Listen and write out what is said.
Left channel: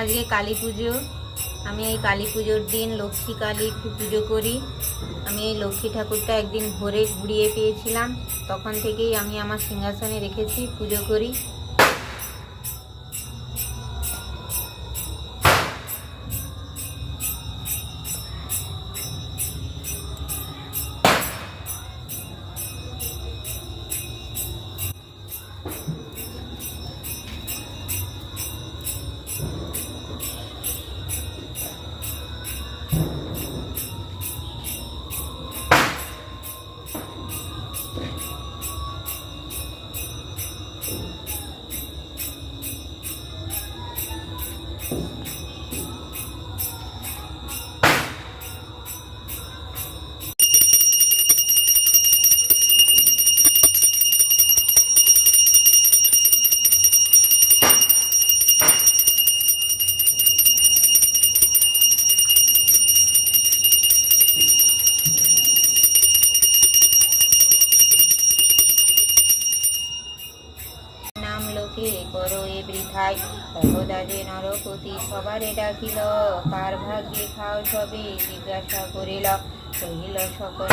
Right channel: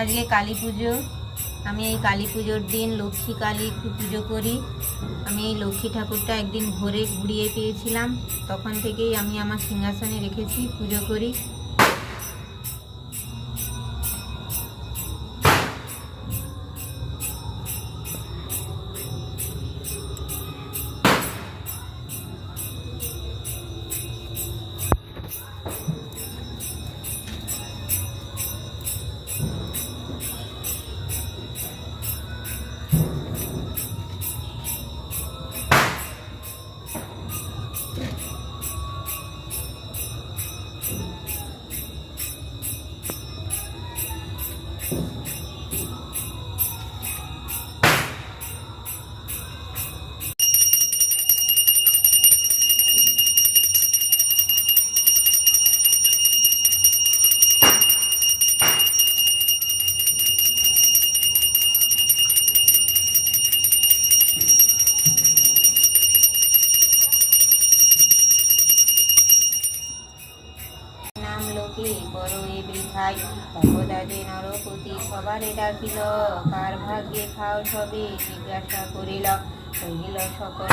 আজকে কালী পুজো। আমি এই কালী পুজোর দিন লক্ষ্মী কালী পুজো করি। আমি এই লক্ষ্মী ঠাকুরটা একদিন ভোরে ঘুরিয়ে পেয়েছিলাম, তখন থেকেই আমি আমার সিংহাসনে রেখেছি, পুজো করি। নাম লোকে করো এ বৃথায়, একদা যে নরপতি সবারে ডাকিল, কার ভাগ্যে খাও সবে জিজ্ঞাসা করিল, কহিল সকল